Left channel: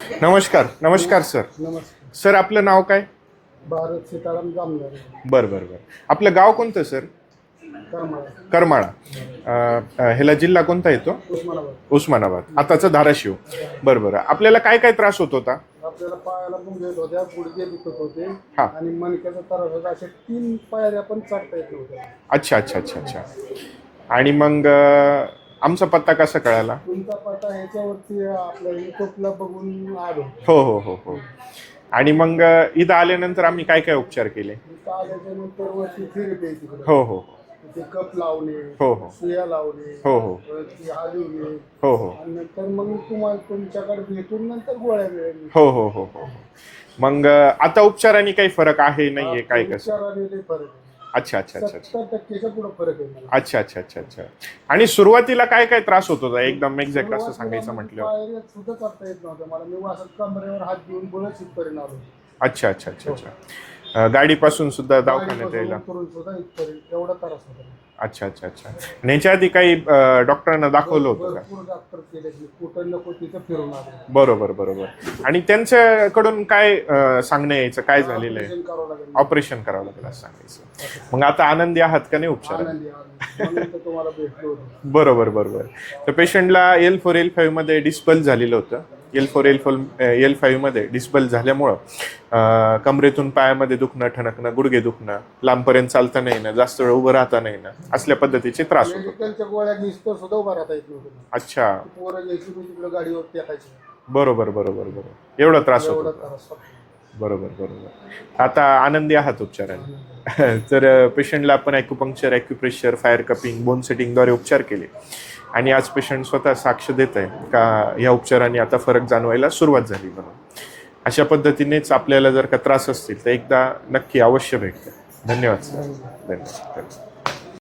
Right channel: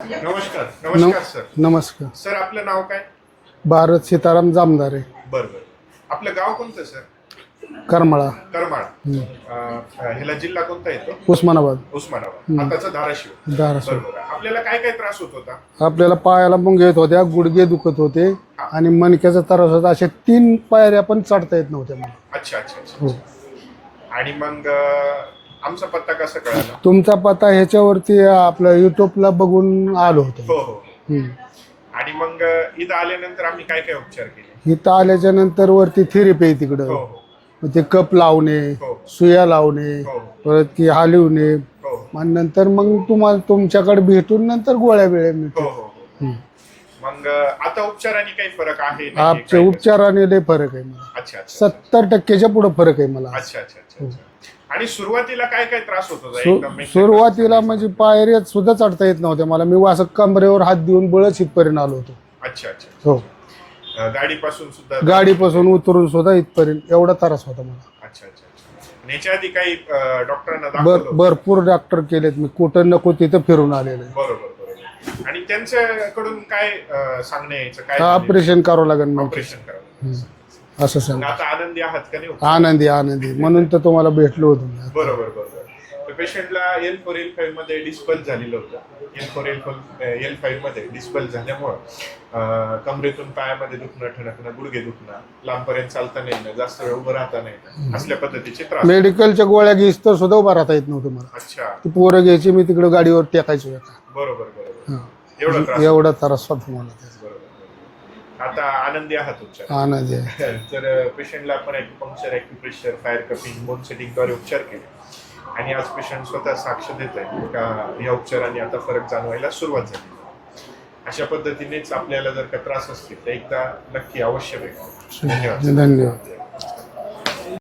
नमस्कार नमस्कार सर. नमस्कार. सर आपलं नाव काय? भारत सीताराम जामदारे, बर बर बर. आपलं गाव कोणतं सर? करमाळा, करमाळा. ह्याला जिल्हा कोणता येतो? उस्मानाबाद, उस्मानाबाद. आताचं धाराशिव. धाराशिव. बर बर. आपल्याला काय काय त्रास होत होता? आपल्याला पायाला मुंग्या येत होत्या, गुडघे दुखत होते हा. आणि मणक्याचा त्रास होता. अशा 3 पायऱ्या पण चढता येत नव्हत्या मला. अच्छा अच्छा अच्छा अच्छा. आणि मग आमचा पत्ता कसा कळाला? तुमचा पत्ता ह्याच्यावरती आपलं युट्यूबला बघून आलो होतो. हो हो हो हो. आणि मग इथं आल्यानंतर आम्ही काय काय उपचार केले? इथं आल्याच्या नंतर वरती थेरपी आहे तिकडं. हो हो मग ते कप लावणे, हो हो सुया लावणे, हो हो परत ती हलवणे हो हो आणि नंतर मग तुम्हाला तुमच्याकडे भेटून नंतर गोळ्या बिळ्या मिळतात. हो हो हो हो. मग आता उपचारांनी काही फरक आहे नाही? आपच्या उपचाराने लय फरक आहे मला. अच्छा अच्छा अच्छा. 70% पुढे फरक आहे मला. अच्छा अच्छा अच्छा अच्छा. आणि सुरुवातीला काय काय त्रास होत होता? एकदम सुरुवातीला म्हणजे पायऱ्यात सुद्धा चढता येत नव्हत्या मला. मी असं कमरेवर हात देऊन बळच इथपर्यंत आलो होतो. अच्छा अच्छा अच्छा अच्छा. गाडीपासून सुद्धा गाडीपासून उतरून सुद्धा इथपर्यंत एवढा त्रास होता मला. अच्छा अच्छा अच्छा. आणि याच्या आधी काही डॉक्टरांना दाखवलं होतं का? भरपूर डॉक्टर केलेत मी. कुठं नको तिथं फिरून आलेले. बरोबर बरोबर. आणि त्यांच्याकडून काय सांगणं यायचं? काय ऑपरेशन करावं लागेल. ऑपरेशन करावं लागलं असं सांगायचं. असं मग सांग. आता आनंदी आहात का नाही? आनंदी आनंदी म्हणून तर तुम्हाला भेटलो होतो. बरोबर बरोबर. तर पेशंटला L4 L5 मध्ये डिस्पल्स झालेलं होतं. L4 L5 मध्ये डिस्पल्स झाल्यामुळं कमरेतून पायामध्ये दुखणं, ठणकणं, गुडघे दुखणं, लांबपर्यंत चालता नाही येणं, जास्त वेळ उभं राहता नाही येणं, असल्या पद्धतीचे त्रास. मेडिकलच्या गोळ्या घ्यायच तर सुद्धा उभा राहता येत नव्हतं मला. अच्छा. ती पोरं घ्यायची, मी तिकडे गाडीवर टेकायचो. बरोबर बरोबर. एवढा त्रास. एवढा त्रास होता मला. बरोबर बरोबर. आता आनंदी आहात उपचार? आनंदी आहे. तर पेशंटला आपण acupuncture, acupressure, fire cupping, bone सेटिंगद्वारे उपचार केले आणि आज पेशंट स्वतः साक्ष देत आहे का या उपचारांनी आता फरक जाणवायला सुरुवात झाली म्हणून. अशा पद्धतीनेच आपल्याला जर का त्रास असतील तर एकदा नक्की अवश्य भेट. धन्यवाद. धन्यवाद.